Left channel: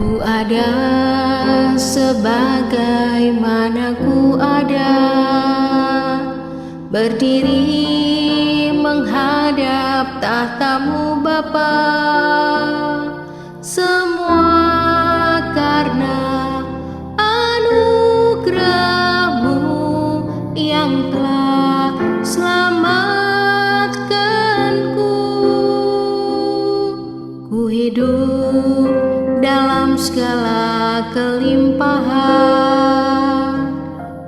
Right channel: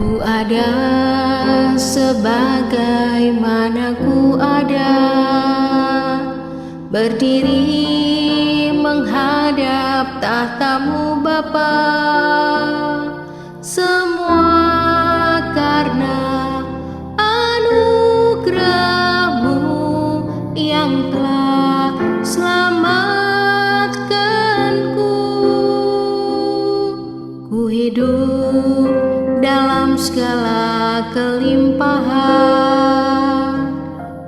Ku ada sebagaimana ku ada, berdiri menghadap tahta-Mu Bapa. Semua karena anugerah-Mu yang telah selamatkanku. Ku hidup dalam segala kelimpahan,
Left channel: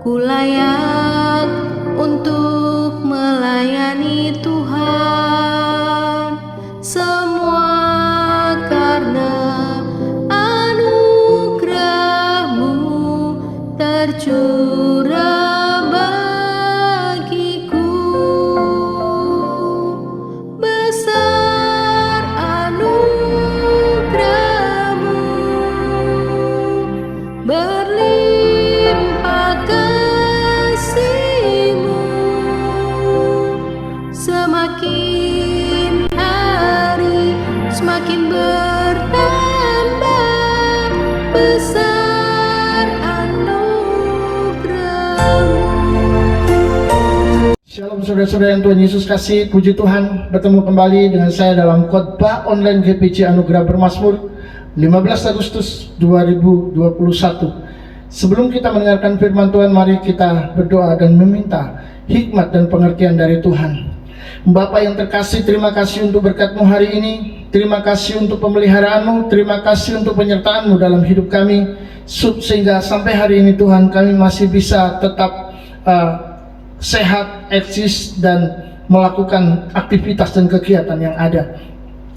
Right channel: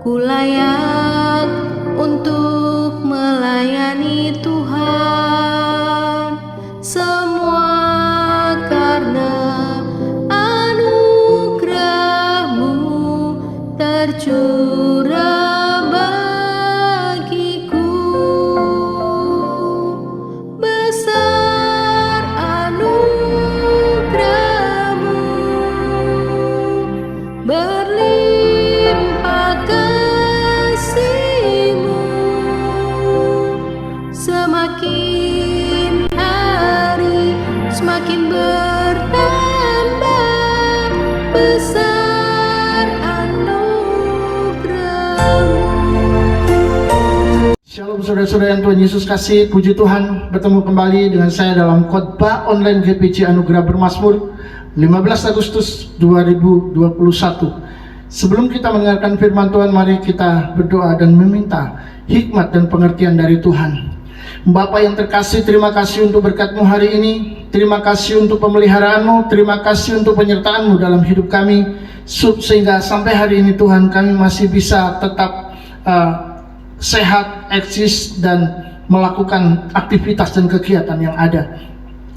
ku layak untuk melayani Tuhan. Semua karena anugerah-Mu tercurah bagiku. Besar anugerah-Mu, berlimpah kasih-Mu. Semakin hari semakin bertambah besar anugerah-Mu. Shalom saudara-saudara yang Tuhan Yesus kasih, puji Tuhan, bertemu kembali dengan saya dalam khotbah online GPC Anugerah Bermazmur 15 Agustus 2021. Sebelum kita mendengarkan firman Tuhan, mari kita berdoa dan meminta hikmat dan pengertian dari Tuhan. Bapa yang terkasih, terima kasih untuk berkat-Mu hari ini. Terima kasih untuk pemeliharaan-Mu, terima kasih untuk penyertaan-Mu dalam hidup kami, sehingga sampai hari ini Tuhan kami masih bisa tetap sehat, eksis, dan melakukan aktivitas dan kegiatan yang ada.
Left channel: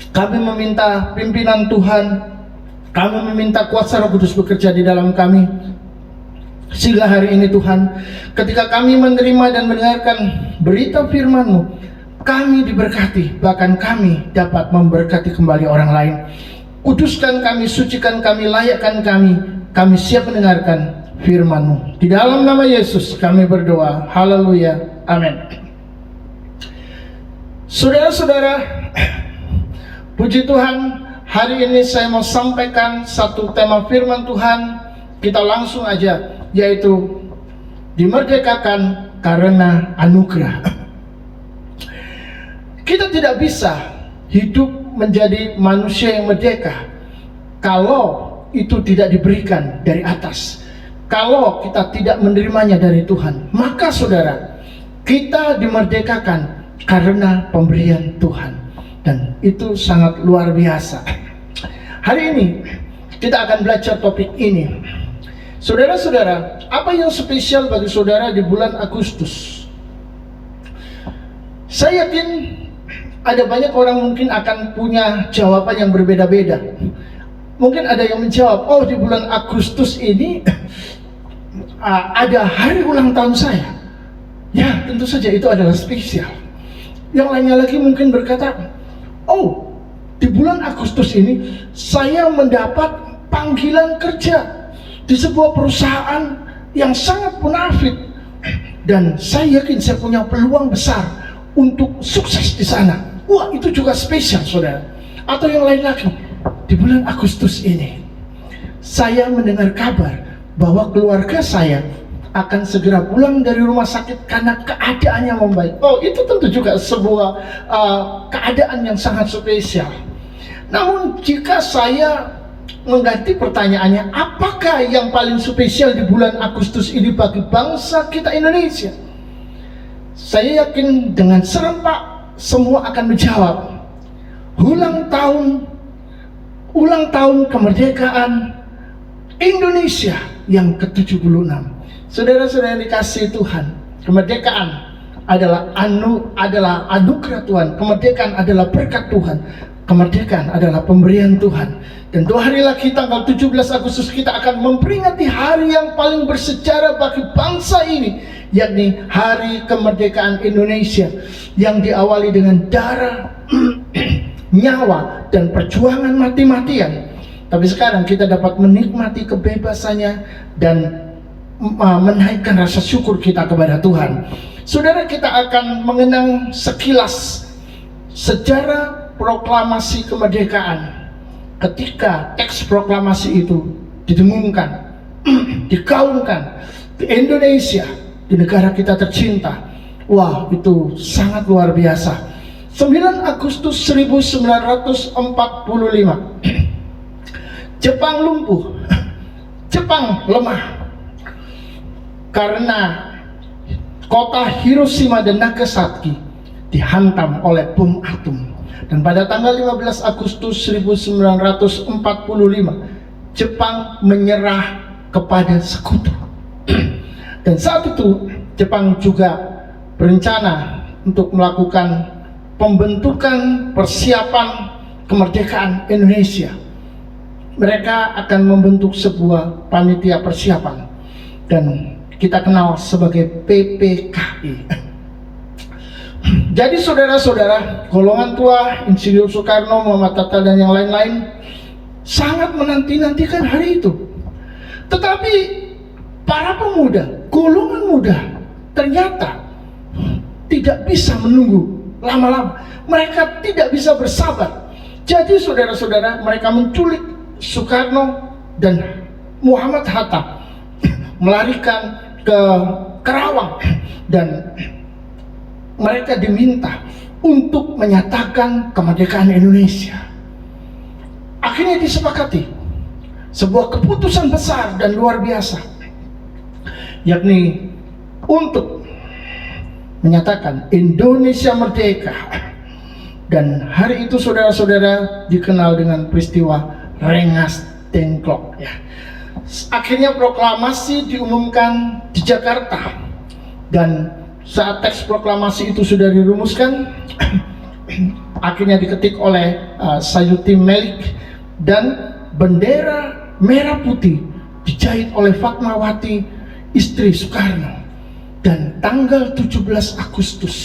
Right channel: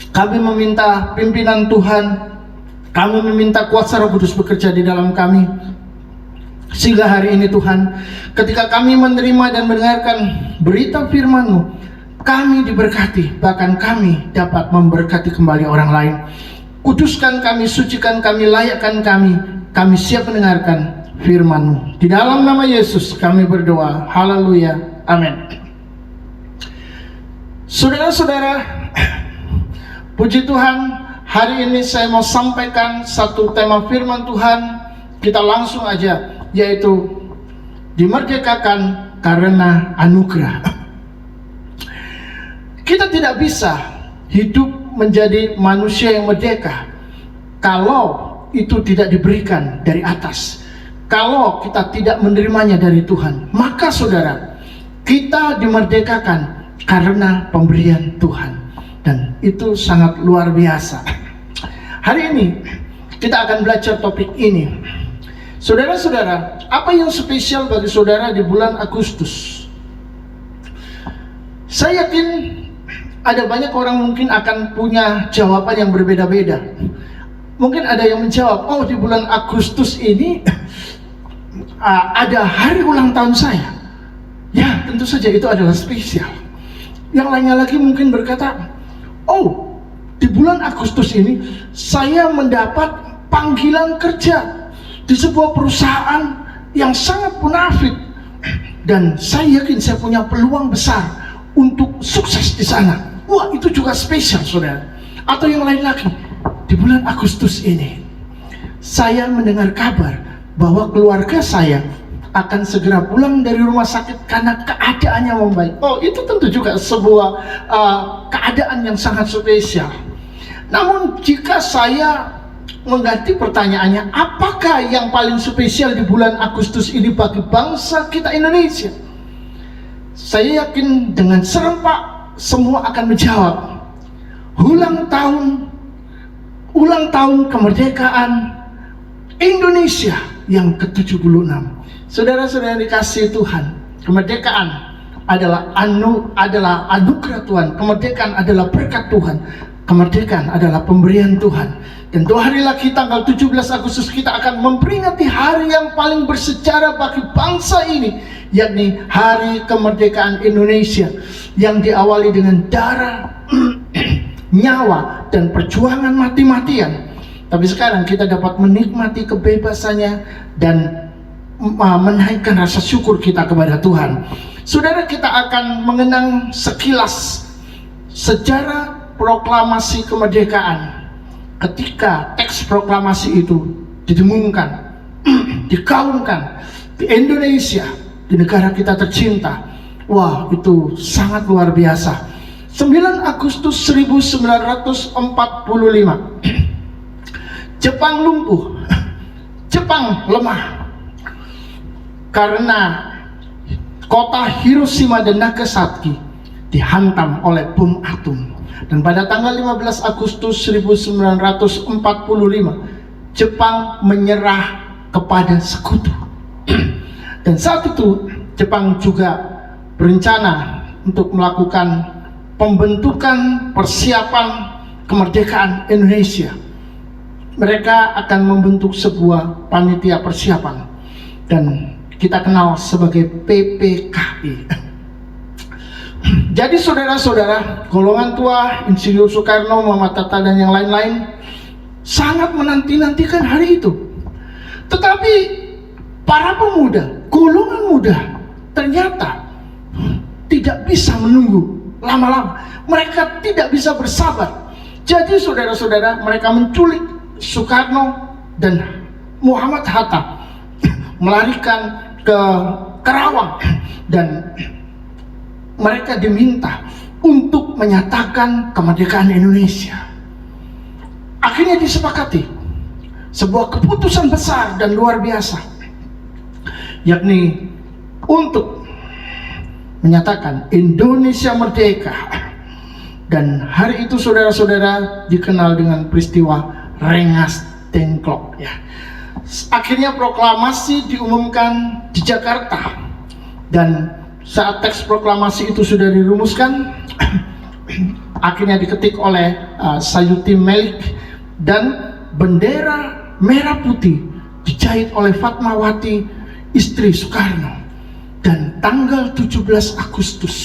Kami meminta pimpinan Tuhan, kami meminta kuasa Roh Kudus bekerja di dalam kami, sehingga hari ini Tuhan, ketika kami menerima dan mendengarkan berita firman-Mu, kami diberkati, bahkan kami dapat memberkati kembali orang lain. Kuduskan kami, sucikan kami, layakkan kami siap mendengarkan firman-Mu. Di dalam nama Yesus kami berdoa, haleluya, amin. Saudara-saudara, puji Tuhan, hari ini saya mau sampaikan satu tema firman Tuhan. Kita langsung aja, yaitu dimerdekakan karena anugerah. Kita tidak bisa hidup menjadi manusia yang merdeka kalau itu tidak diberikan dari atas, kalau kita tidak menerimanya dari Tuhan. Maka saudara, kita dimerdekakan karena pemberian Tuhan, dan itu sangat luar biasa. Hari ini kita akan belajar topik ini. Saudara-saudara, apa yang spesial bagi saudara di bulan Agustus? Saya yakin ada banyak orang mungkin akan punya jawaban yang berbeda-beda. Mungkin ada yang menjawab, oh di bulan Agustus ini ada hari ulang tahun saya. Ya, tentu saja itu adalah spesial. Yang lainnya lagi mungkin berkata, oh di bulan Agustus ini saya mendapat panggilan kerja di sebuah perusahaan yang sangat munafik, dan saya yakin saya punya peluang besar untuk sukses di sana. Wah, itu juga spesial saudara. Atau yang lain lagi, di bulan Agustus ini saya mendengar kabar bahwa keluarga saya akan segera pulang dari rumah sakit karena keadaannya membaik. Oh, itu tentu juga sebuah keadaan yang sangat spesial. Namun jika saya mengganti pertanyaannya, apakah yang paling spesial di bulan Agustus ini bagi bangsa kita Indonesia? Saya yakin dengan serempak semua akan menjawab, ulang tahun kemerdekaan Indonesia yang ke-76. Saudara-saudara yang dikasihi Tuhan, kemerdekaan adalah anugerah Tuhan, kemerdekaan adalah berkat Tuhan, kemerdekaan adalah pemberian Tuhan. Dan 2 hari lagi tanggal 17 Agustus kita akan memperingati hari yang paling bersejarah bagi bangsa ini, yakni Hari Kemerdekaan Indonesia, yang diawali dengan darah, nyawa, dan perjuangan mati-matian. Tapi sekarang kita dapat menikmati kebebasannya dan menaikkan rasa syukur kita kepada Tuhan. Saudara, kita akan mengenang sekilas sejarah proklamasi kemerdekaan ketika teks proklamasi itu didengungkan, digaungkan di Indonesia, di negara kita tercinta, wah itu sangat luar biasa. 9 Agustus 1945, Jepang lumpuh, Jepang lemah karena kota Hiroshima dan Nagasaki dihantam oleh bom atom. Dan pada tanggal 15 Agustus 1945, Jepang menyerah kepada sekutu. Dan saat itu Jepang juga berencana untuk melakukan pembentukan persiapan kemerdekaan Indonesia. Mereka akan membentuk sebuah panitia persiapan dan kita kenal sebagai PPKI. Jadi saudara-saudara, golongan tua, Insinyur Soekarno, Muhammad Hatta dan yang lain-lain sangat menanti-nantikan hari itu. Tetapi para pemuda, golongan muda ternyata tidak bisa menunggu lama-lama. Mereka tidak bisa bersabar. Jadi saudara-saudara, mereka menculik Soekarno dan Muhammad Hatta, melarikan ke Karawang, dan mereka diminta untuk menyatakan kemerdekaan Indonesia. Akhirnya disepakati sebuah keputusan besar dan luar biasa, yakni untuk menyatakan Indonesia merdeka. Dan hari itu saudara-saudara dikenal dengan peristiwa Rengas Dengklok ya. Akhirnya proklamasi diumumkan di Jakarta, dan saat teks proklamasi itu sudah dirumuskan, akhirnya diketik oleh Sayuti Melik, dan bendera merah putih dijahit oleh Fatmawati, istri Soekarno. Dan tanggal 17 Agustus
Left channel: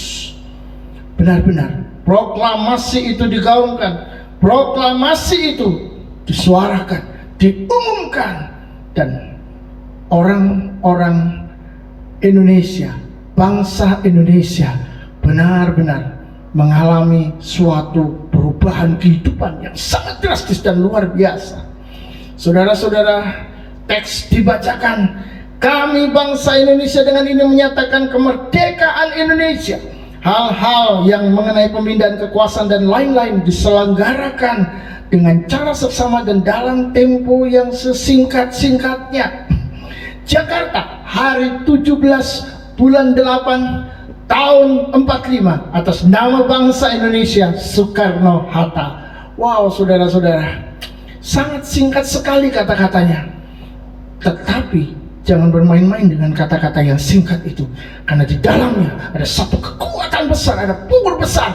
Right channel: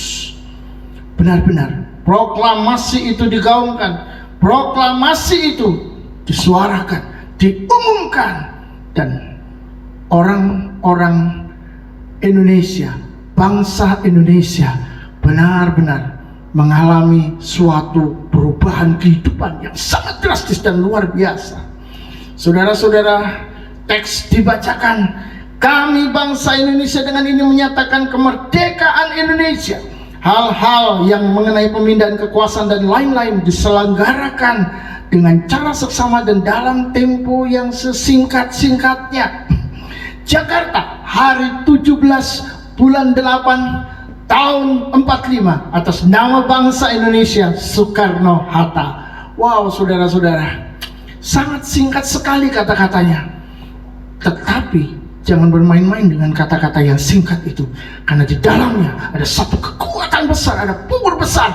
benar-benar proklamasi itu digaungkan, proklamasi itu disuarakan, diumumkan, dan orang-orang Indonesia, bangsa Indonesia benar-benar mengalami suatu perubahan kehidupan yang sangat drastis dan luar biasa. Saudara-saudara, teks dibacakan, kami bangsa Indonesia dengan ini menyatakan kemerdekaan Indonesia. Hal-hal yang mengenai pemindahan kekuasaan dan lain-lain diselenggarakan dengan cara seksama dan dalam tempo yang sesingkat-singkatnya. Jakarta, hari 17 bulan 8 tahun 45, atas nama bangsa Indonesia, Soekarno-Hatta. Wow, saudara-saudara, sangat singkat sekali kata-katanya. Tetapi jangan bermain-main dengan kata-kata yang singkat itu, karena di dalamnya ada satu kekuatan besar, ada punggur besar.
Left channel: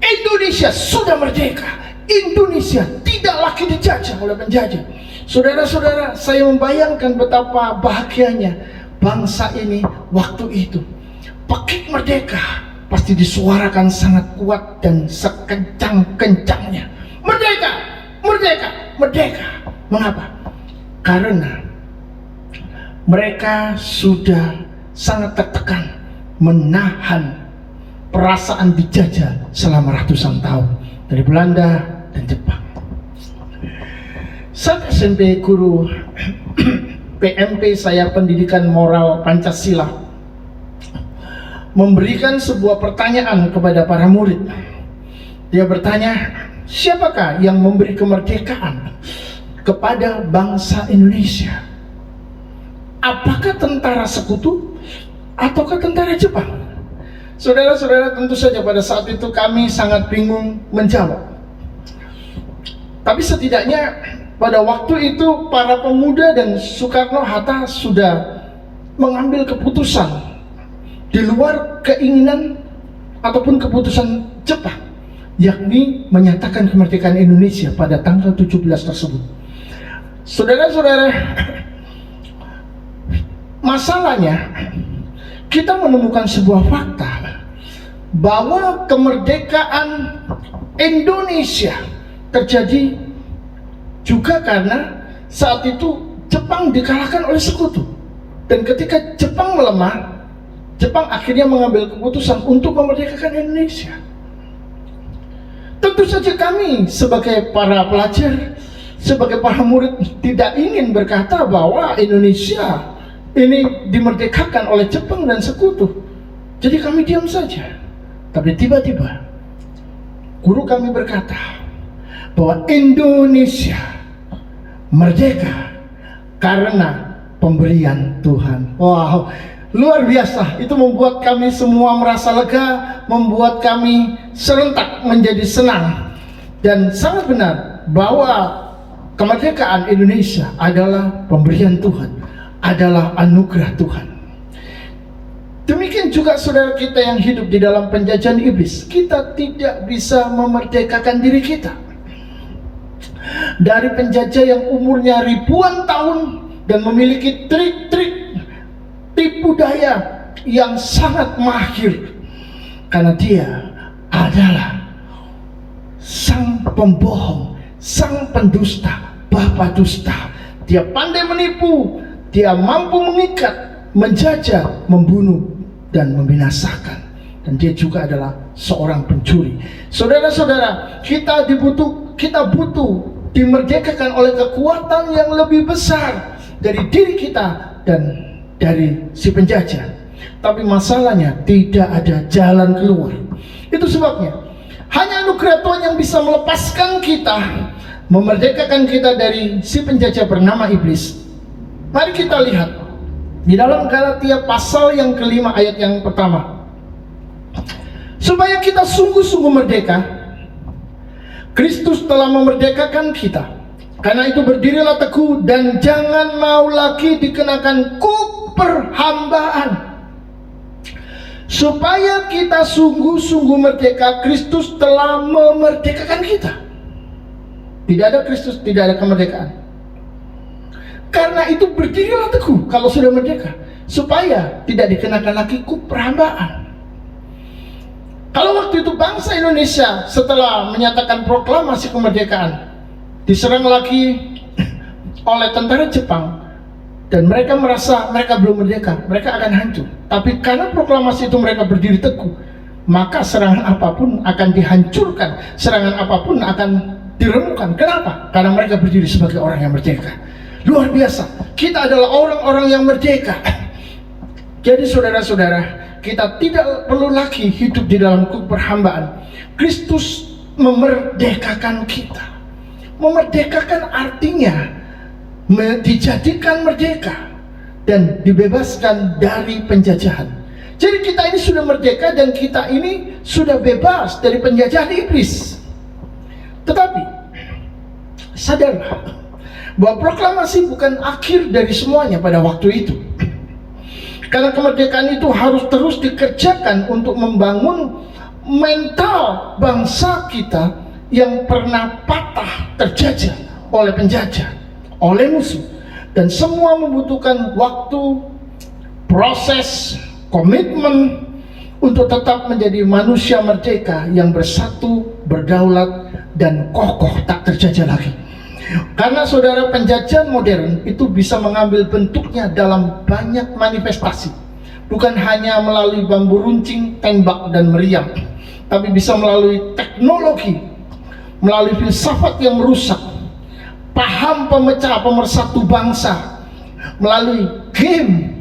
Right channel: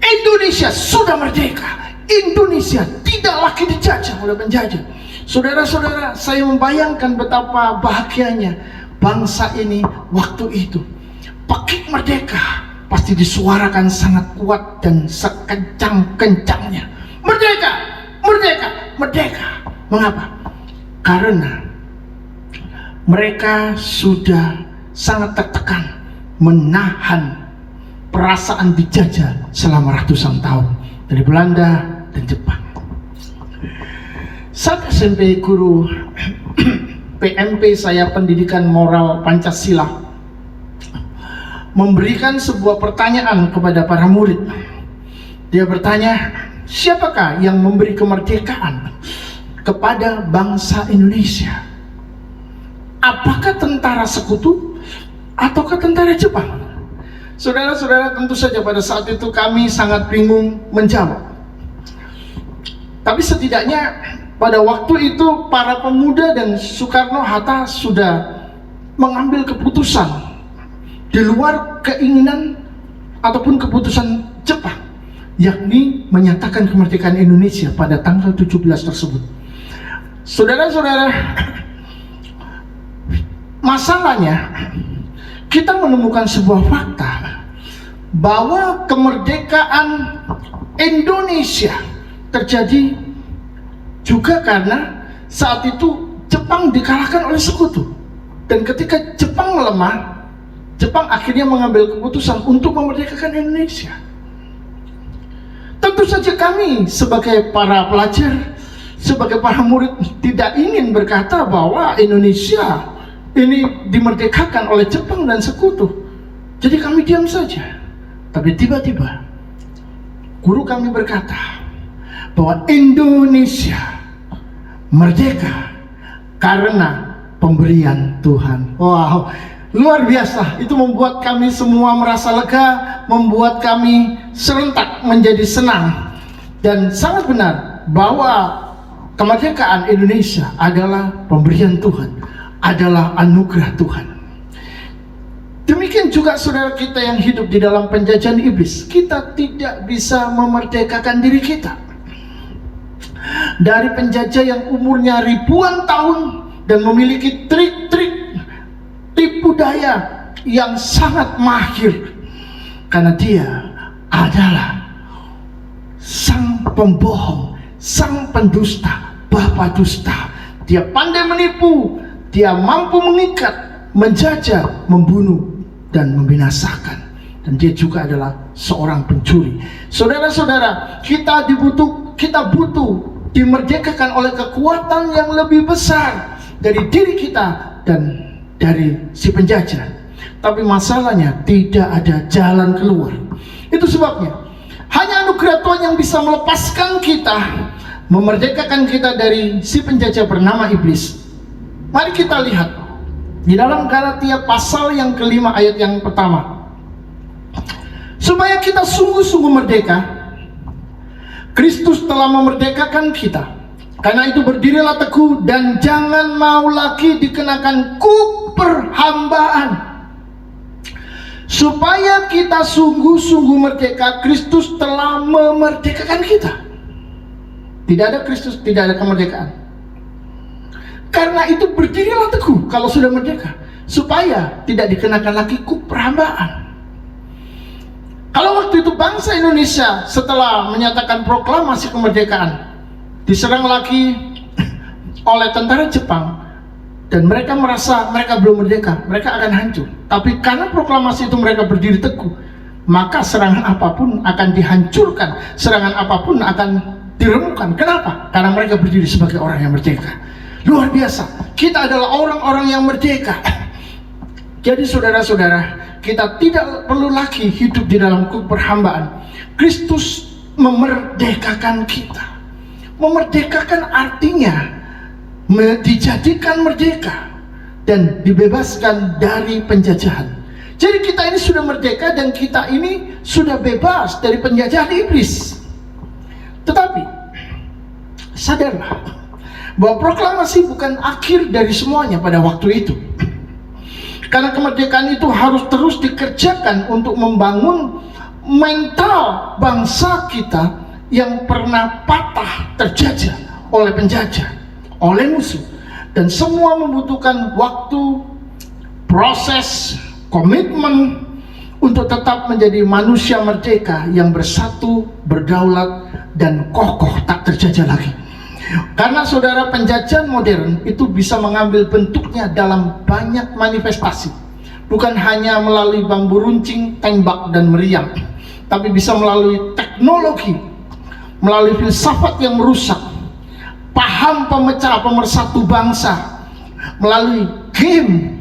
Indonesia sudah merdeka. Indonesia tidak lagi dijajah oleh penjajah. Saudara-saudara, saya membayangkan betapa bahagianya bangsa ini waktu itu. Pakik merdeka pasti disuarakan sangat kuat dan sekencang-kencangnya. Merdeka, merdeka, merdeka. Mengapa? Karena mereka sudah sangat tertekan menahan perasaan dijajah selama ratusan tahun dari Belanda dan Jepang. Saat SMP guru PMP saya, pendidikan moral Pancasila, memberikan sebuah pertanyaan kepada para murid. Dia bertanya, siapakah yang memberi kemerdekaan kepada bangsa Indonesia? Apakah tentara sekutu ataukah tentara Jepang? Saudara-saudara, tentu saja pada saat itu kami sangat bingung menjawab. Tapi setidaknya pada waktu itu para pemuda dan Soekarno-Hatta sudah mengambil keputusan di luar keinginan ataupun keputusan Jepang, yakni menyatakan kemerdekaan Indonesia pada tanggal 17 tersebut. Saudara-saudara, masalahnya kita menemukan sebuah fakta bahwa kemerdekaan Indonesia terjadi juga karena saat itu Jepang dikalahkan oleh sekutu. Dan ketika Jepang melemah, Jepang akhirnya mengambil keputusan untuk memerdekakan Indonesia. Tentu Tentu saja kami sebagai para pelajar, sebagai para murid tidak ingin berkata bahwa Indonesia ini dimerdekakan oleh Jepang dan sekutu. Jadi kami diam saja. Tapi tiba-tiba guru kami berkata bahwa Indonesia merdeka karena pemberian Tuhan. Wow, luar biasa. Itu membuat kami semua merasa lega, membuat kami serentak menjadi senang. Dan sangat benar bahwa kemerdekaan Indonesia adalah pemberian Tuhan, adalah anugerah Tuhan. Demikian juga saudara kita yang hidup di dalam penjajahan iblis. Kita tidak bisa memerdekakan diri kita dari penjajah yang umurnya ribuan tahun dan memiliki trik-trik tipu daya yang sangat mahir, karena dia adalah sang pembohong, sang pendusta, bapa dusta. Dia pandai menipu, dia mampu mengikat, menjajah, membunuh, dan membinasakan. Dan dia juga adalah seorang pencuri. Saudara-saudara, kita butuh dimerdekakan oleh kekuatan yang lebih besar dari diri kita dan dari si penjajah. Tapi masalahnya tidak ada jalan keluar. Itu sebabnya hanya anugerah Tuhan yang bisa melepaskan kita, memerdekakan kita dari si penjajah bernama iblis. Mari kita lihat di dalam Galatia pasal yang kelima ayat yang pertama. Supaya kita sungguh-sungguh merdeka, Kristus telah memerdekakan kita. Karena itu berdirilah teguh dan jangan mau lagi dikenakan kuk perhambaan. Supaya kita sungguh-sungguh merdeka, Kristus telah memerdekakan kita. Tidak ada Kristus, tidak ada kemerdekaan. Karena itu berdirilah teguh kalau sudah merdeka, supaya tidak dikenakan lagi kuk perhambaan. Kalau waktu itu bangsa Indonesia setelah menyatakan proklamasi kemerdekaan diserang lagi oleh tentara Jepang, dan mereka merasa mereka belum merdeka, mereka akan hancur. Tapi karena proklamasi itu mereka berdiri teguh, maka serangan apapun akan dihancurkan, serangan apapun akan diremukkan. Kenapa? Karena mereka berdiri sebagai orang yang merdeka. Luar biasa, kita adalah orang-orang yang merdeka. Jadi saudara-saudara, kita tidak perlu lagi hidup di dalam kuk perhambaan. Kristus memerdekakan kita. Memerdekakan artinya dijadikan merdeka dan dibebaskan dari penjajahan. Jadi kita ini sudah merdeka dan kita ini sudah bebas dari penjajahan iblis. Tetapi sadarlah bahwa proklamasi bukan akhir dari semuanya pada waktu itu. Karena kemerdekaan itu harus terus dikerjakan untuk membangun mental bangsa kita yang pernah patah terjajah oleh penjajah, oleh musuh. Dan semua membutuhkan waktu, proses, komitmen untuk tetap menjadi manusia merdeka yang bersatu, berdaulat, dan kokoh tak terjajah lagi. Karena saudara, penjajahan modern itu bisa mengambil bentuknya dalam banyak manifestasi. Bukan hanya melalui bambu runcing, tembak, dan meriam, tapi bisa melalui teknologi, melalui filsafat yang merusak, paham pemecah pemersatu bangsa, melalui game,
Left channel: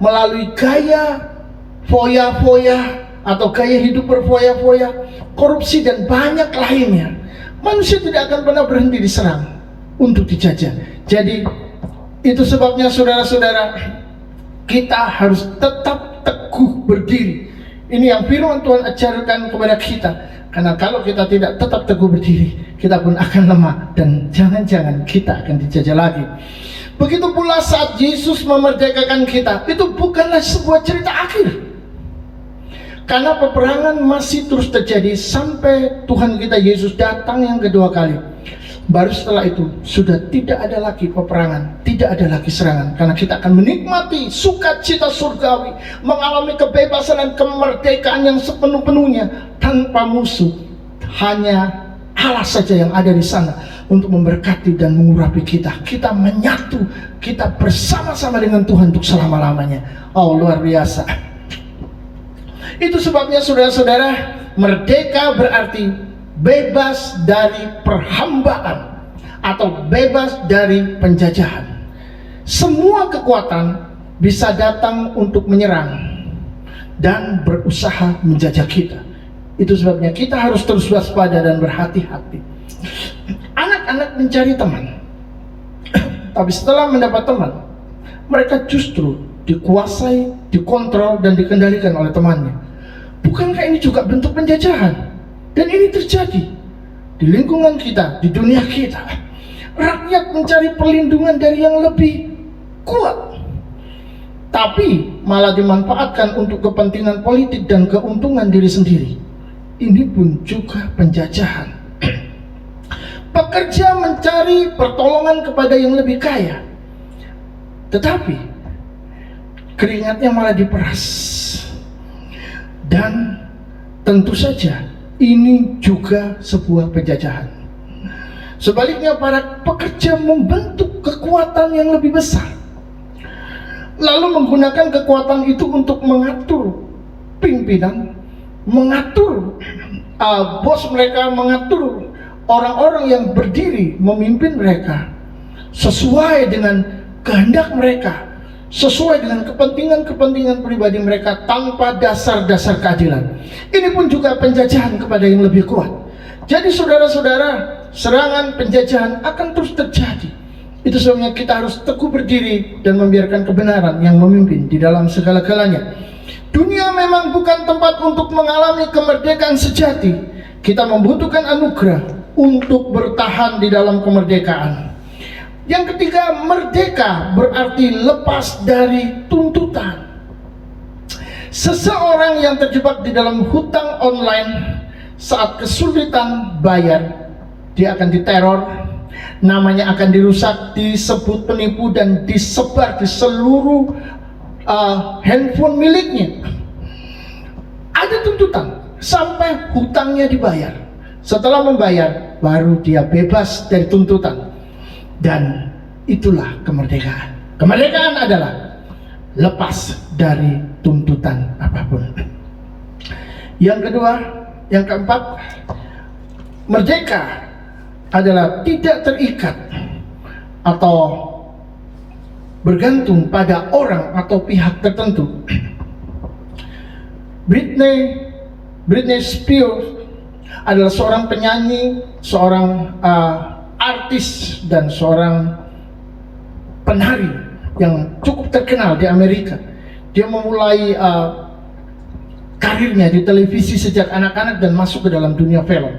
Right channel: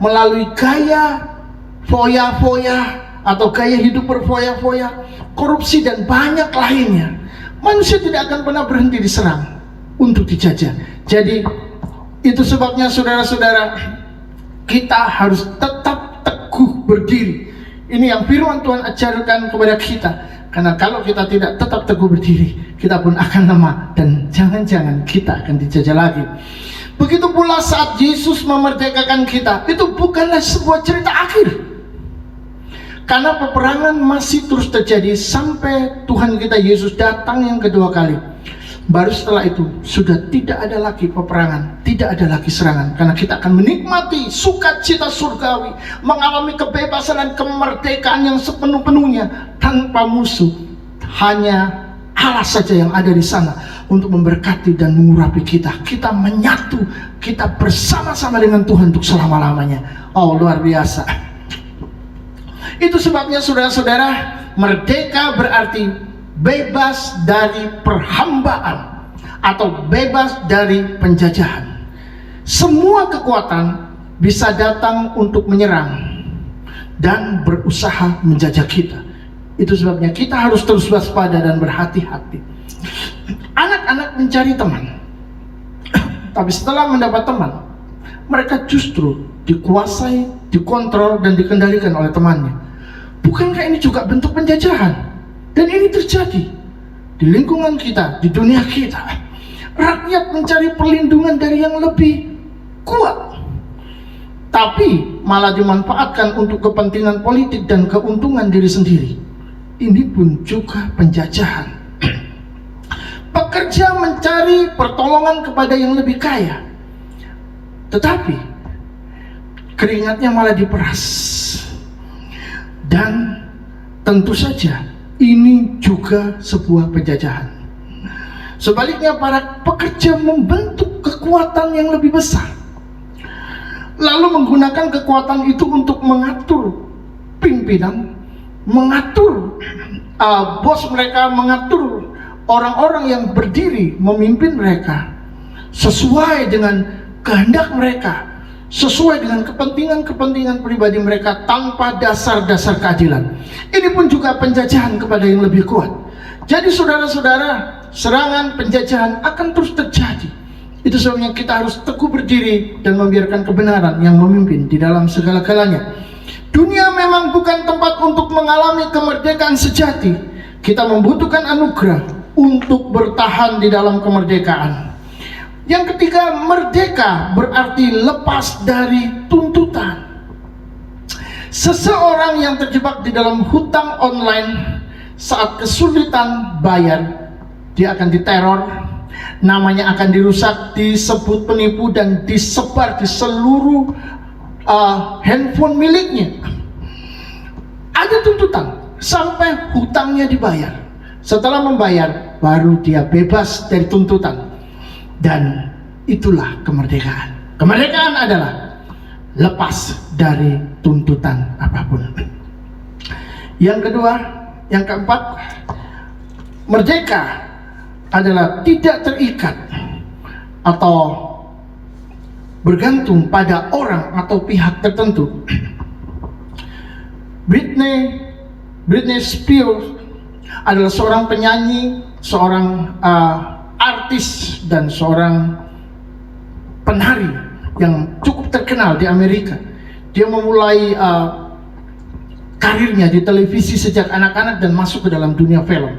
melalui gaya foya-foya atau gaya hidup berfoya-foya, korupsi, dan banyak lainnya. Manusia tidak akan pernah berhenti diserang untuk dijajah. Jadi itu sebabnya saudara-saudara, kita harus tetap teguh berdiri. Ini yang firman Tuhan ajarkan kepada kita. Karena kalau kita tidak tetap teguh berdiri, kita pun akan lemah dan jangan-jangan kita akan dijajah lagi. Begitu pula saat Yesus memerdekakan kita, itu bukanlah sebuah cerita akhir. Karena peperangan masih terus terjadi sampai Tuhan kita Yesus datang yang kedua kali. Baru setelah itu sudah tidak ada lagi peperangan, tidak ada lagi serangan. Karena kita akan menikmati sukacita surgawi, mengalami kebebasan dan kemerdekaan yang sepenuh-penuhnya tanpa musuh. Hanya Allah saja yang ada di sana untuk memberkati dan mengurapi kita. Kita menyatu, kita bersama-sama dengan Tuhan untuk selama-lamanya. Oh, luar biasa. Itu sebabnya saudara-saudara, merdeka berarti bebas dari perhambaan atau bebas dari penjajahan. Semua kekuatan bisa datang untuk menyerang dan berusaha menjajah kita. Itu sebabnya kita harus terus waspada dan berhati-hati. Anak-anak mencari teman, tapi setelah mendapat teman, mereka justru dikuasai, dikontrol, dan dikendalikan oleh temannya. Bukankah ini juga bentuk penjajahan? Dan ini terjadi di lingkungan kita, di dunia kita. Rakyat mencari perlindungan dari yang lebih kuat, tapi malah dimanfaatkan untuk kepentingan politik dan keuntungan diri sendiri. Ini pun juga penjajahan. Pekerja mencari pertolongan kepada yang lebih kaya, tetapi keringatnya malah diperas. Dan tentu saja ini juga sebuah penjajahan. Sebaliknya, para pekerja membentuk kekuatan yang lebih besar, lalu menggunakan kekuatan itu untuk mengatur pimpinan, mengatur bos mereka, mengatur orang-orang yang berdiri memimpin mereka sesuai dengan kehendak mereka, sesuai dengan kepentingan-kepentingan pribadi mereka tanpa dasar-dasar keadilan. Ini pun juga penjajahan kepada yang lebih kuat. Jadi saudara-saudara, serangan penjajahan akan terus terjadi. Itu sebabnya kita harus teguh berdiri dan membiarkan kebenaran yang memimpin di dalam segala-galanya. Dunia memang bukan tempat untuk mengalami kemerdekaan sejati. Kita membutuhkan anugerah untuk bertahan di dalam kemerdekaan. Yang ketiga, merdeka berarti lepas dari tuntutan. Seseorang yang terjebak di dalam hutang online saat kesulitan bayar, dia akan diteror, namanya akan dirusak, disebut penipu, dan disebar di seluruh handphone miliknya. Ada tuntutan sampai hutangnya dibayar. Setelah membayar, baru dia bebas dari tuntutan. Dan itulah kemerdekaan. Kemerdekaan adalah lepas dari tuntutan apapun. Yang kedua, yang keempat, merdeka adalah tidak terikat atau bergantung pada orang atau pihak tertentu. Britney Spears adalah seorang penyanyi, seorang artis, dan seorang penari yang cukup terkenal di Amerika. Dia memulai karirnya di televisi sejak anak-anak dan masuk ke dalam dunia film.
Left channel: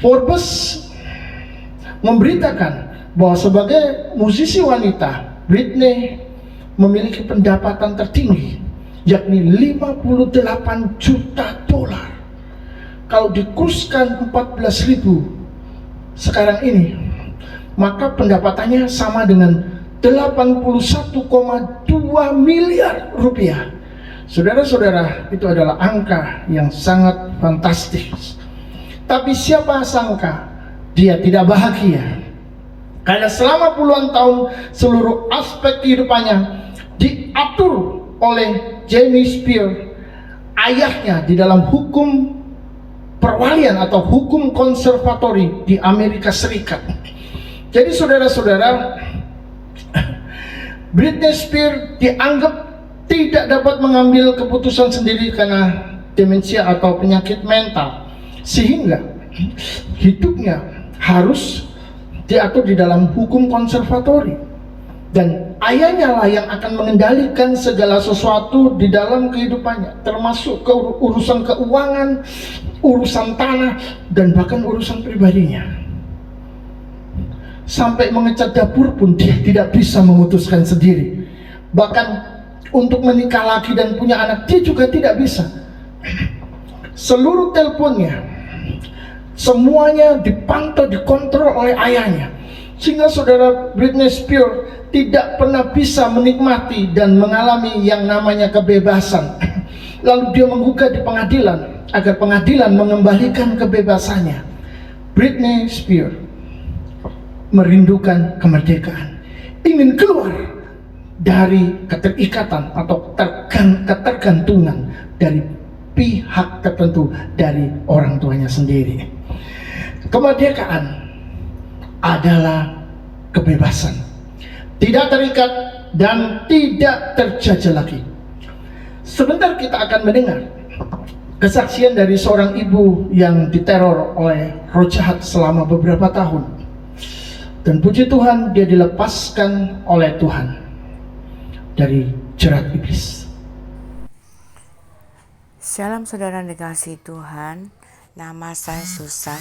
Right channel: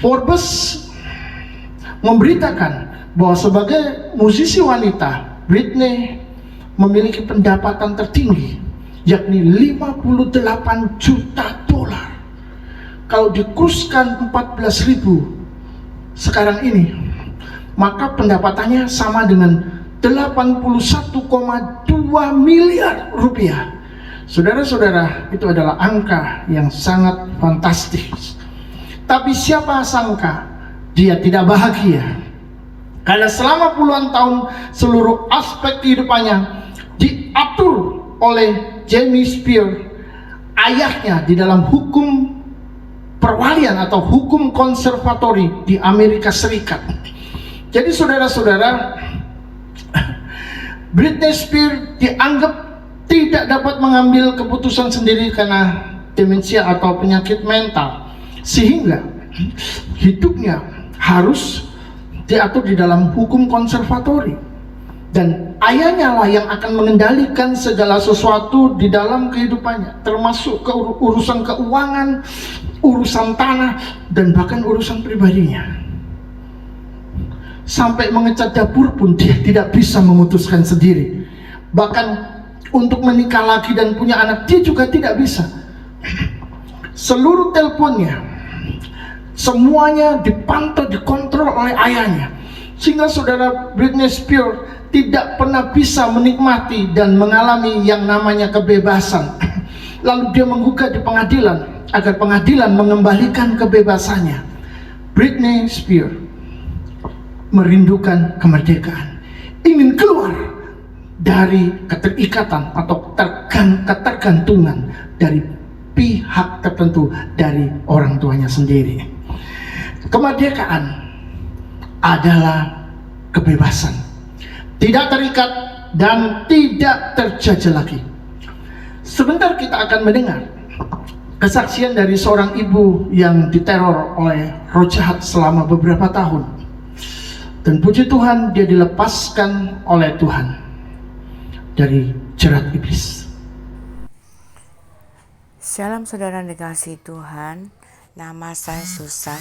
Forbes memberitakan bahwa sebagai musisi wanita, Britney memiliki pendapatan tertinggi, yakni 58 juta dolar. Kalau dikurskan 14.000 sekarang ini, maka pendapatannya sama dengan 81,2 miliar rupiah. Saudara-saudara, itu adalah angka yang sangat fantastis. Tapi siapa sangka dia tidak bahagia, karena selama puluhan tahun seluruh aspek kehidupannya diatur oleh Jamie Spears, ayahnya, di dalam hukum perwalian atau hukum konservatori di Amerika Serikat. Jadi saudara-saudara, Britney Spears dianggap tidak dapat mengambil keputusan sendiri karena demensia atau penyakit mental, sehingga hidupnya harus diatur di dalam hukum konservatori. Dan ayahnya lah yang akan mengendalikan segala sesuatu di dalam kehidupannya, termasuk urusan keuangan, urusan tanah, dan bahkan urusan pribadinya. Sampai mengecat dapur pun dia tidak bisa memutuskan sendiri. Bahkan untuk menikah lagi dan punya anak, dia juga tidak bisa. Seluruh teleponnya, semuanya dipantau, dikontrol oleh ayahnya. Sehingga saudara, Britney Spears tidak pernah bisa menikmati dan mengalami yang namanya kebebasan. Lalu dia menggugat di pengadilan agar pengadilan mengembalikan kebebasannya. Britney Spears merindukan kemerdekaan, ingin keluar dari keterikatan atau ketergantungan dari pihak tertentu dari orang tuanya sendiri. Kemerdekaan adalah kebebasan, tidak terikat dan tidak terjajah lagi. Sebentar kita akan mendengar kesaksian dari seorang ibu yang diteror oleh roh jahat selama beberapa tahun. Dan puji Tuhan, dia dilepaskan oleh Tuhan dari jerat iblis. Shalom saudara dikasihi Tuhan, nama saya Susan.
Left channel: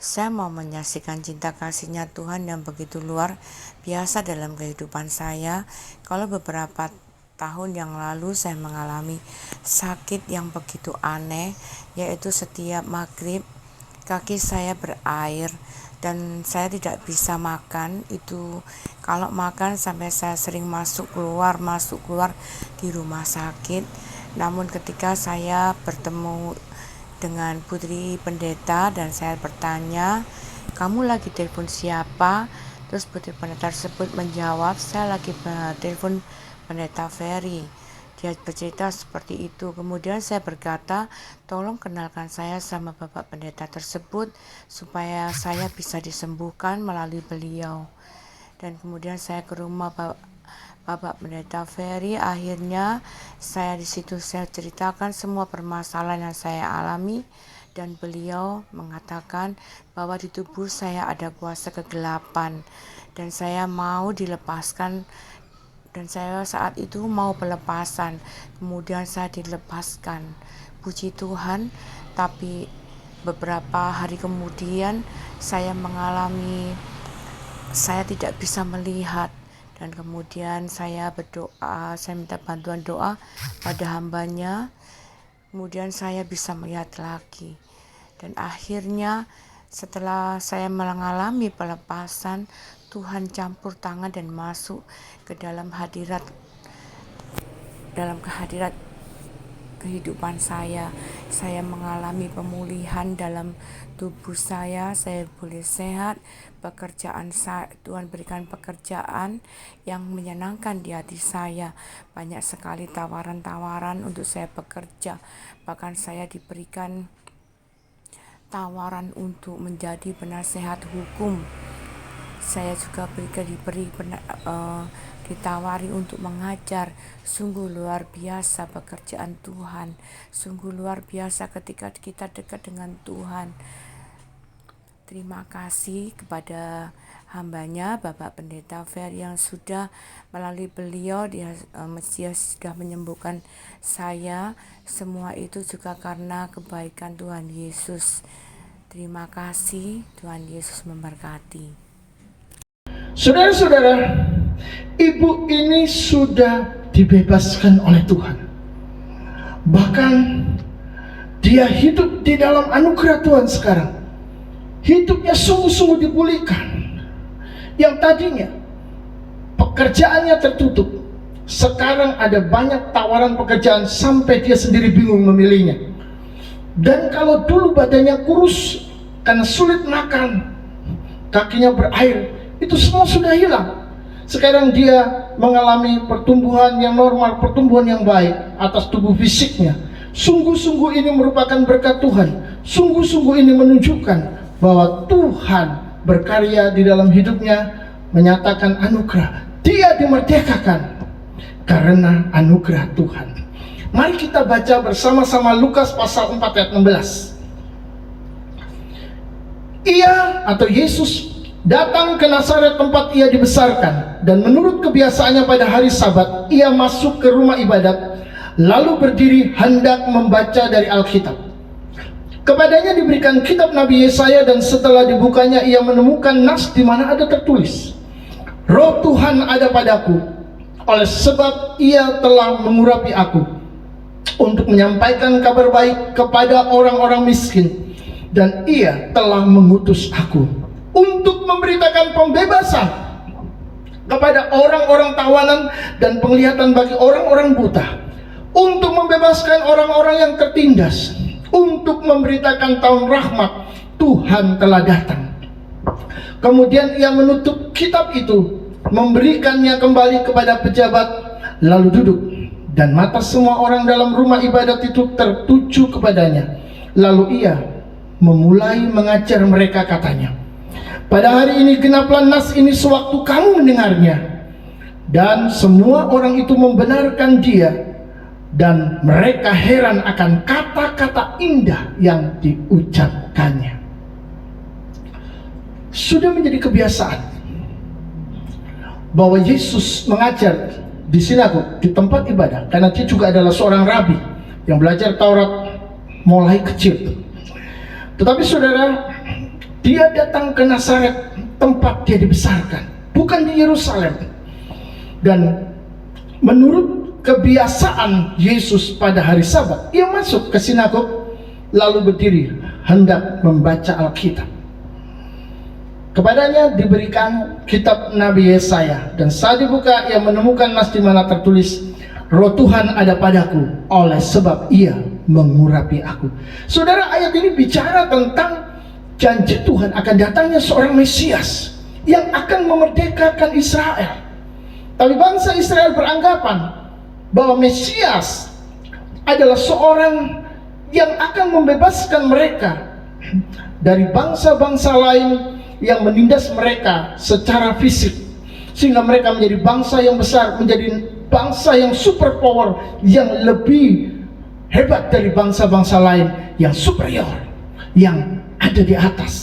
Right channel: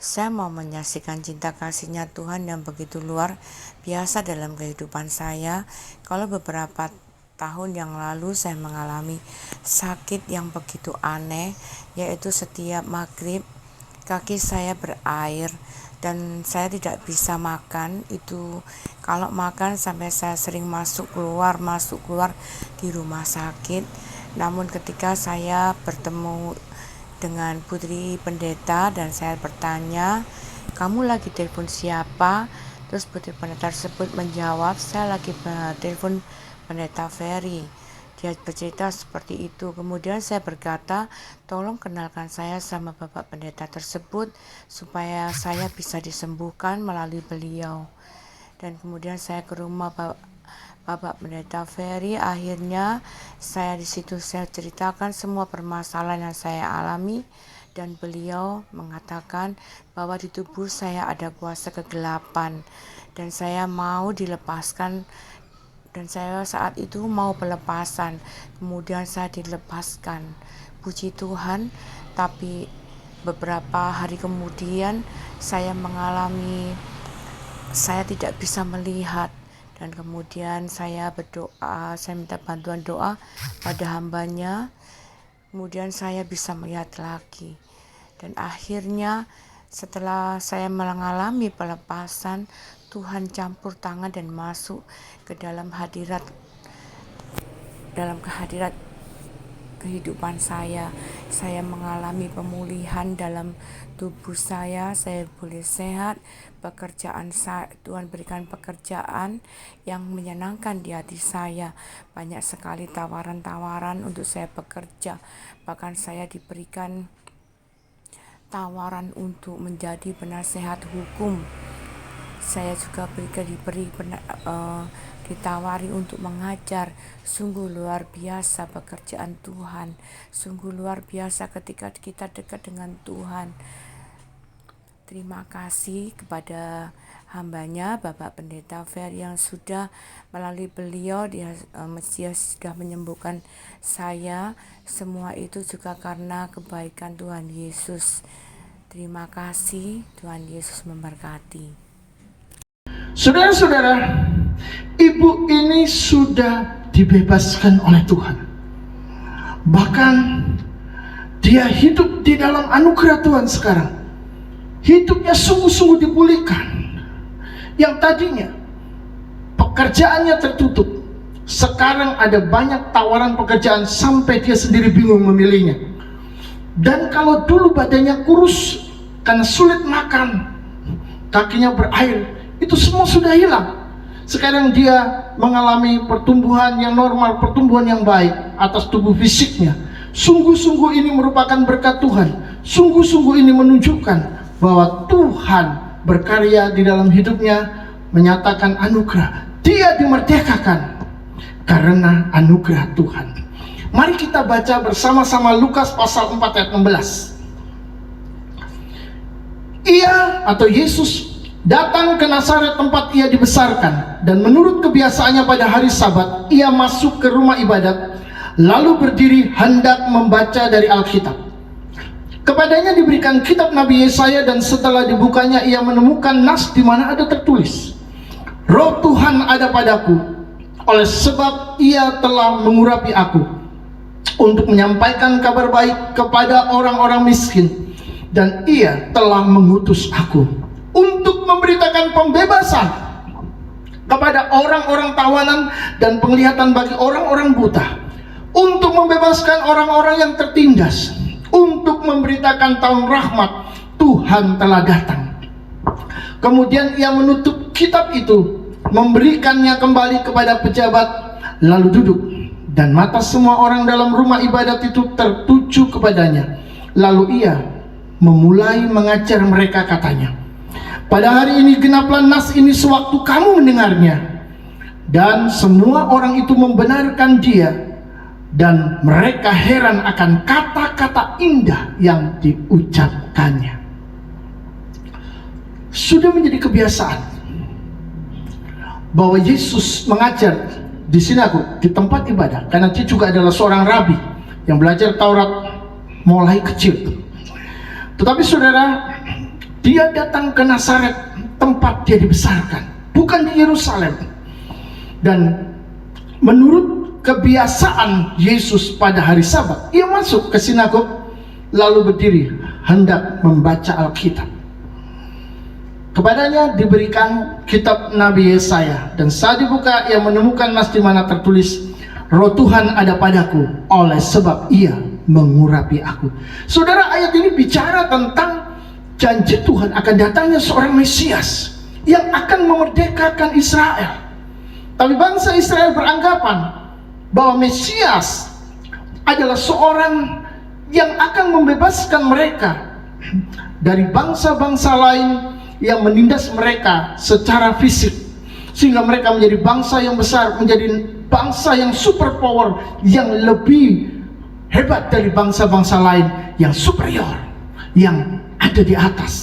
Saya mau menyaksikan cinta kasih-Nya Tuhan yang begitu luar biasa dalam kehidupan saya. Kalau beberapa tahun yang lalu saya mengalami sakit yang begitu aneh, yaitu setiap maghrib kaki saya berair dan saya tidak bisa makan. Itu kalau makan sampai saya sering masuk keluar di rumah sakit. Namun ketika saya bertemu dengan putri pendeta dan saya bertanya, "Kamu lagi telepon siapa?" Terus putri pendeta tersebut menjawab, "Saya lagi telepon pendeta Ferry." Dia bercerita seperti itu. Kemudian saya berkata, "Tolong kenalkan saya sama bapak pendeta tersebut supaya saya bisa disembuhkan melalui beliau." Dan kemudian saya ke rumah Bapak Pendeta Ferry. Akhirnya saya di situ saya ceritakan semua permasalahan yang saya alami, dan beliau mengatakan bahwa di tubuh saya ada kuasa kegelapan dan saya mau dilepaskan, dan saya saat itu mau pelepasan. Kemudian saya dilepaskan, puji Tuhan. Tapi beberapa hari kemudian saya mengalami saya tidak bisa melihat. Dan kemudian saya berdoa, saya minta bantuan doa pada hambanya. Kemudian saya bisa melihat lagi. Dan akhirnya setelah saya mengalami pelepasan, Tuhan campur tangan dan masuk ke dalam kehadirat kehidupan saya. Saya mengalami pemulihan dalam tubuh saya boleh sehat. Tuhan berikan pekerjaan yang menyenangkan di hati saya. Banyak sekali tawaran-tawaran untuk saya bekerja. Bahkan saya diberikan tawaran untuk menjadi penasehat hukum. Saya juga ditawari untuk mengajar. Sungguh luar biasa pekerjaan Tuhan. Sungguh luar biasa ketika kita dekat dengan Tuhan. Terima kasih kepada hambanya Bapak Pendeta Fer yang sudah melalui beliau dia sudah menyembuhkan saya. Semua itu juga karena kebaikan Tuhan Yesus. Terima kasih, Tuhan Yesus memberkati. Saudara-saudara, ibu ini sudah dibebaskan oleh Tuhan. Bahkan dia hidup di dalam anugerah Tuhan sekarang. Hidupnya sungguh-sungguh dipulihkan. Yang tadinya pekerjaannya tertutup, sekarang ada banyak tawaran pekerjaan sampai dia sendiri bingung memilihnya. Dan kalau dulu badannya kurus karena sulit makan, kakinya berair, itu semua sudah hilang. Sekarang dia mengalami pertumbuhan yang normal, pertumbuhan yang baik atas tubuh fisiknya. Sungguh-sungguh ini merupakan berkat Tuhan. Sungguh-sungguh ini menunjukkan bahwa Tuhan berkarya di dalam hidupnya, menyatakan anugerah. Dia dimerdekakan karena anugerah Tuhan. Mari kita baca bersama-sama Lukas pasal 4 ayat 16. Ia atau Yesus datang ke Nazaret tempat ia dibesarkan, dan menurut kebiasaannya pada hari Sabat ia masuk ke rumah ibadat, lalu berdiri hendak membaca dari Alkitab. Kepadanya diberikan kitab Nabi Yesaya, dan setelah dibukanya ia menemukan nas di mana ada tertulis, "Roh Tuhan ada padaku, oleh sebab ia telah mengurapi aku untuk menyampaikan kabar baik kepada orang-orang miskin, dan ia telah mengutus aku untuk memberitakan pembebasan kepada orang-orang tawanan dan penglihatan bagi orang-orang buta, untuk membebaskan orang-orang yang tertindas, untuk memberitakan tahun rahmat Tuhan telah datang." Kemudian ia menutup kitab itu, memberikannya kembali kepada pejabat, lalu duduk. dan mata semua orang dalam rumah ibadat itu tertuju kepadanya. Lalu ia memulai mengajar mereka, katanya, pada hari ini genaplah nas ini sewaktu kamu mendengarnya. Dan semua orang itu membenarkan dia, dan mereka heran akan kata-kata indah yang diucapkannya. Sudah menjadi kebiasaan bahwa Yesus mengajar di sinagog, di tempat ibadah, karena dia juga adalah seorang rabi yang belajar Taurat mulai kecil. Tetapi saudara, dia datang ke Nazaret, tempat dia dibesarkan, bukan di Yerusalem. Dan menurut kebiasaan Yesus pada hari Sabat, ia masuk ke sinagog lalu berdiri hendak membaca Alkitab. Kepadanya diberikan kitab Nabi Yesaya, dan saat dibuka ia menemukan nas di mana tertulis, Roh Tuhan ada padaku, oleh sebab ia mengurapi aku. Saudara, ayat ini bicara tentang janji Tuhan akan datangnya seorang Mesias yang akan memerdekakan Israel. Tapi bangsa Israel beranggapan bahwa Mesias adalah seorang yang akan membebaskan mereka dari bangsa-bangsa lain yang menindas mereka secara fisik, sehingga mereka menjadi bangsa yang besar, menjadi bangsa yang super power, yang lebih hebat dari bangsa-bangsa lain, yang superior, yang ada di atas.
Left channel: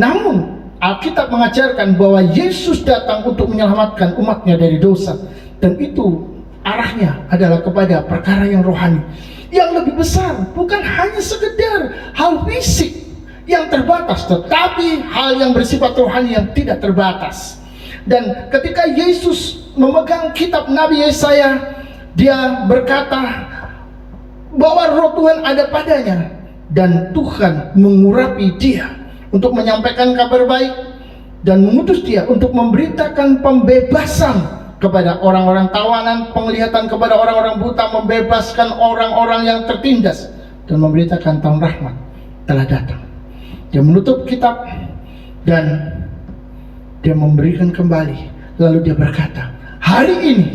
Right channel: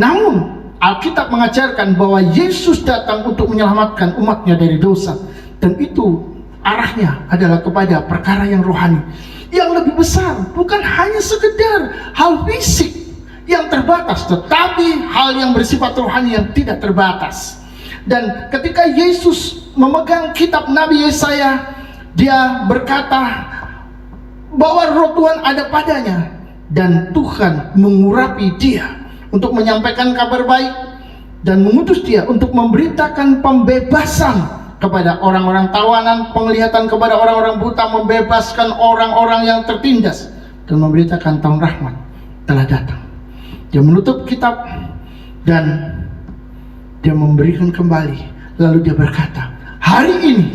Namun Alkitab mengajarkan bahwa Yesus datang untuk menyelamatkan umatnya dari dosa, dan itu arahnya adalah kepada perkara yang rohani, yang lebih besar, bukan hanya sekedar hal fisik yang terbatas, tetapi hal yang bersifat rohani yang tidak terbatas. Dan ketika Yesus memegang kitab Nabi Yesaya, dia berkata bahwa Roh Tuhan ada padanya, dan Tuhan mengurapi dia untuk menyampaikan kabar baik, dan mengutus dia untuk memberitakan pembebasan kepada orang-orang tawanan, penglihatan kepada orang-orang buta, membebaskan orang-orang yang tertindas, dan memberitakan tahun rahmat telah datang. Dia menutup kitab dan dia memberikan kembali. Lalu dia berkata, hari ini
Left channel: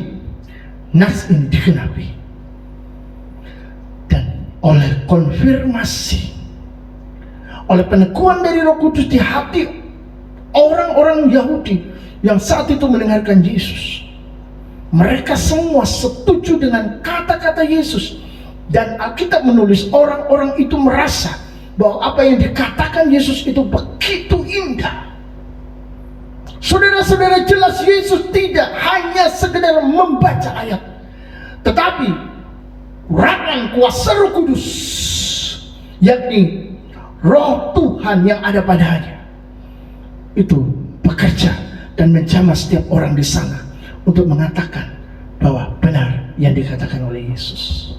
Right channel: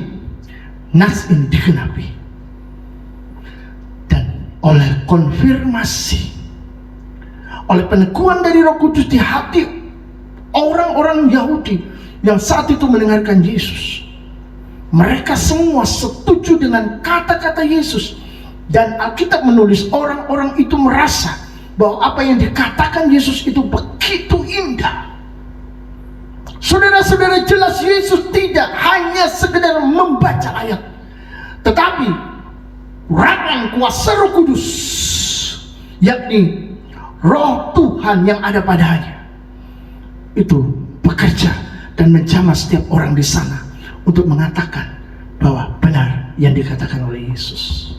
nas ini digenapi. Dan oleh konfirmasi, oleh peneguhan dari Roh Kudus di hati orang-orang Yahudi yang saat itu mendengarkan Yesus, mereka semua setuju dengan kata-kata Yesus. Dan Alkitab menulis orang-orang itu merasa bahwa apa yang dikatakan Yesus itu begitu indah. Saudara-saudara, jelas Yesus tidak hanya sekedar membaca ayat, tetapi urapan kuasa Roh Kudus, yakni Roh Tuhan yang ada padanya, itu bekerja dan menjamah setiap orang di sana untuk mengatakan bahwa benar yang dikatakan oleh Yesus.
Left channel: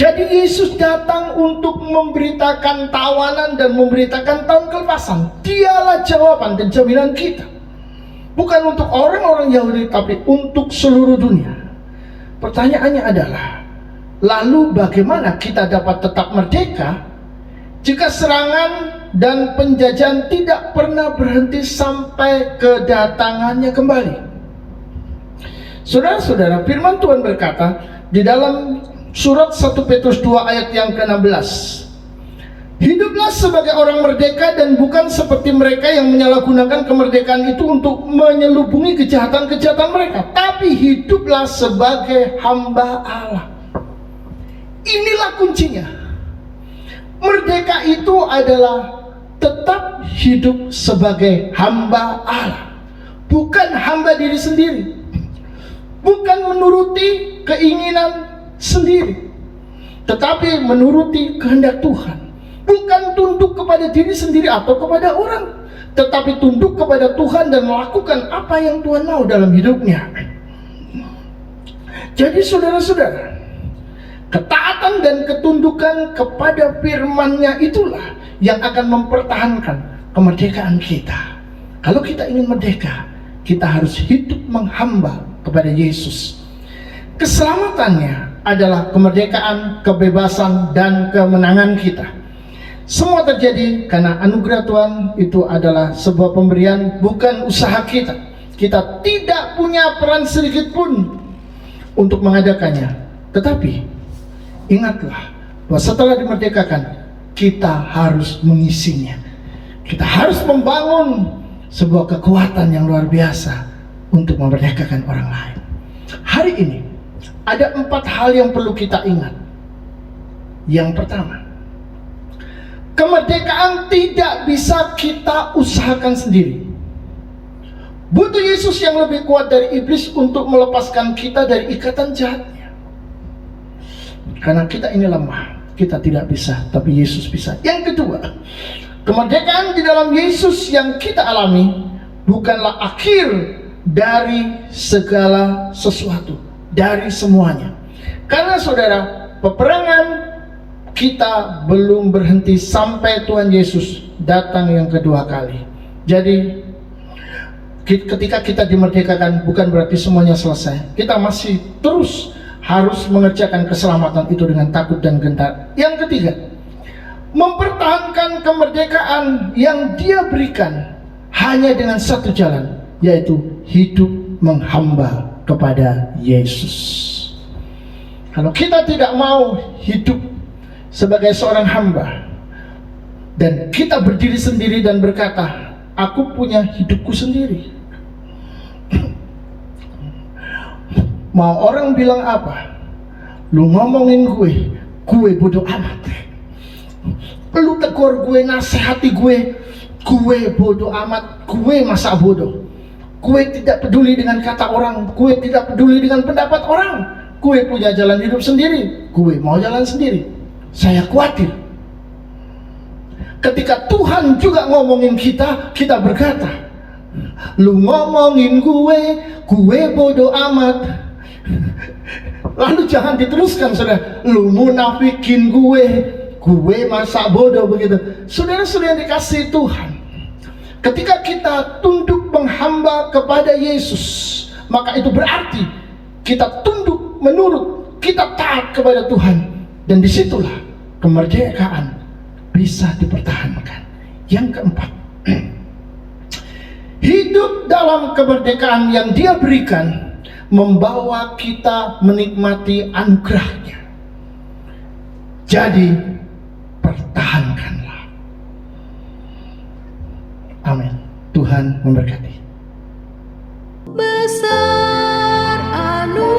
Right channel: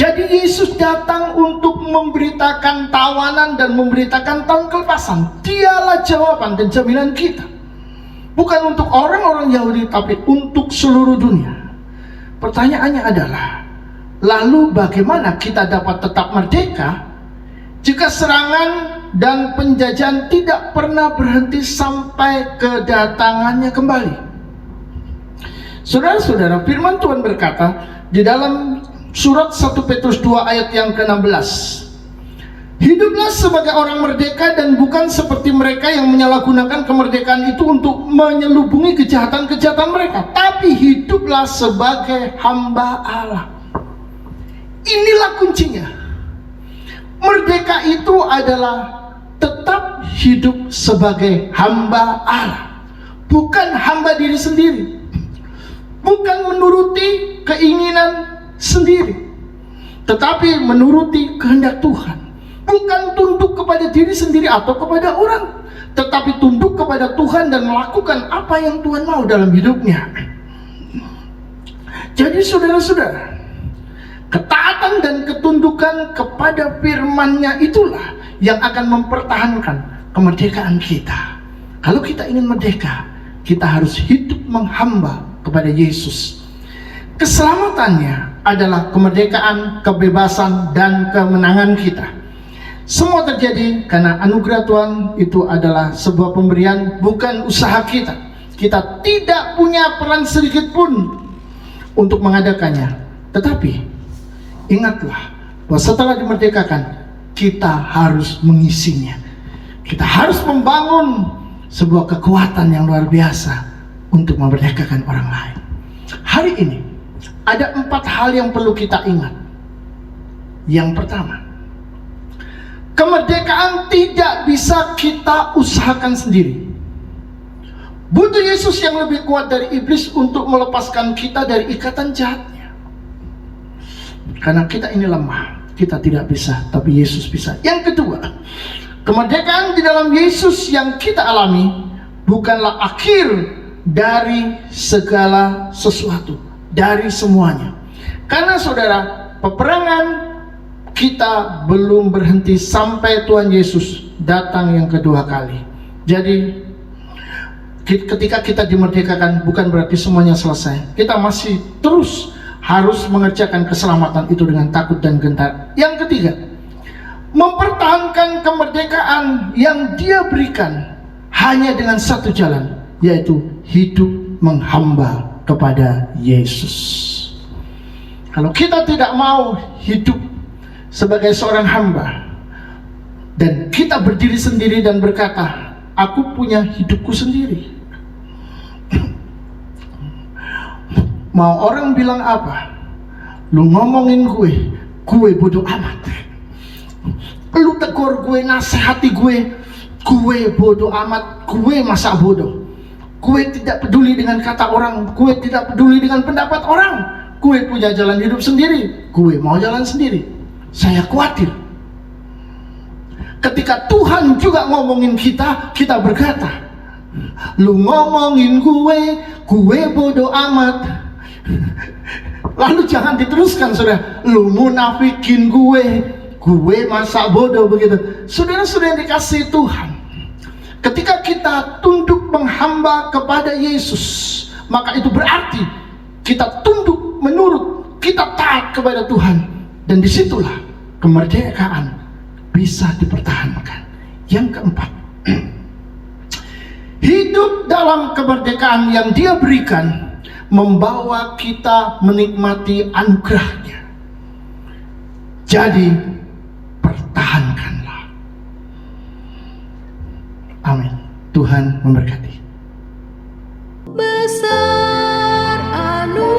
Jadi Yesus datang untuk memberitakan tawanan dan memberitakan tahun kelepasan. Dialah jawaban dan jaminan kita, bukan untuk orang-orang Yahudi, tapi untuk seluruh dunia. Pertanyaannya adalah, lalu bagaimana kita dapat tetap merdeka jika serangan dan penjajahan tidak pernah berhenti sampai kedatangannya kembali? Saudara-saudara, firman Tuhan berkata di dalam surat 1 Petrus 2 ayat yang ke-16, hiduplah sebagai orang merdeka dan bukan seperti mereka yang menyalahgunakan kemerdekaan itu untuk menyelubungi kejahatan-kejahatan mereka, tapi hiduplah sebagai hamba Allah. Inilah kuncinya. Merdeka itu adalah tetap hidup sebagai hamba Allah, bukan hamba diri sendiri, bukan menuruti keinginan sendiri, tetapi menuruti kehendak Tuhan. Bukan tunduk kepada diri sendiri atau kepada orang, tetapi tunduk kepada Tuhan dan melakukan apa yang Tuhan mau dalam hidupnya. Jadi saudara-saudara, ketaatan dan ketundukan kepada firman-Nya itulah yang akan mempertahankan kemerdekaan kita. Kalau kita ingin merdeka, kita harus hidup menghamba kepada Yesus. Keselamatannya adalah kemerdekaan, kebebasan, dan kemenangan kita. Semua terjadi karena anugerah Tuhan. Itu adalah sebuah pemberian, bukan usaha kita. Kita tidak punya peran sedikit pun untuk mengadakannya. Tetapi ingatlah bahwa setelah dimerdekakan, kita harus mengisinya. Kita harus membangun sebuah kekuatan yang luar biasa untuk memerdekakan orang lain. Hari ini ada 4 hal yang perlu kita ingat. Yang pertama, kemerdekaan tidak bisa kita usahakan sendiri. Butuh Yesus yang lebih kuat dari iblis untuk melepaskan kita dari ikatan jahatnya. Karena kita ini lemah, kita tidak bisa, tapi Yesus bisa. Yang kedua, kemerdekaan di dalam Yesus yang kita alami bukanlah akhir dari segala sesuatu, dari semuanya. Karena saudara, peperangan kita belum berhenti sampai Tuhan Yesus datang yang kedua kali. Jadi ketika kita dimerdekakan bukan berarti semuanya selesai. Kita masih terus harus mengerjakan keselamatan itu dengan takut dan gentar. Yang ketiga, mempertahankan kemerdekaan yang Dia berikan hanya dengan satu jalan, yaitu hidup menghamba kepada Yesus. Kalau kita tidak mau hidup sebagai seorang hamba dan kita berdiri sendiri dan berkata, aku punya hidupku sendiri, mau orang bilang apa, lu ngomongin gue bodoh amat. Lu tegur gue, nasihati gue bodoh amat, gue masa bodoh. Gue tidak peduli dengan kata orang, gue tidak peduli dengan pendapat orang. Gue punya jalan hidup sendiri, gue mau jalan sendiri. Saya khawatir ketika Tuhan juga ngomongin kita, kita berkata, lu ngomongin gue bodoh amat. Lalu jangan diteruskan, saudara, lu munafikin gue masa bodoh begitu. Saudara-saudara yang dikasihi Tuhan, ketika kita tunduk menghamba kepada Yesus, maka itu berarti kita tunduk menurut, kita taat kepada Tuhan. Dan disitulah kemerdekaan bisa dipertahankan. Yang keempat, hidup dalam kemerdekaan yang Dia berikan membawa kita menikmati anugerahnya. Jadi pertahankanlah. Amin. Tuhan memberkati. Besar anugerah-Mu,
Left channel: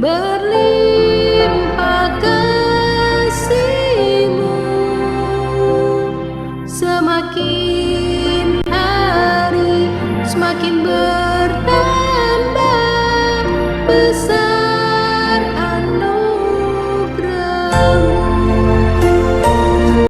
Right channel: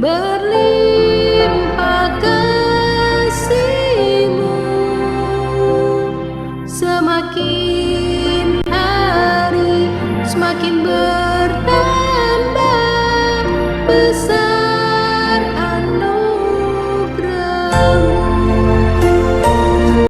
berlimpah kasih-Mu, semakin hari semakin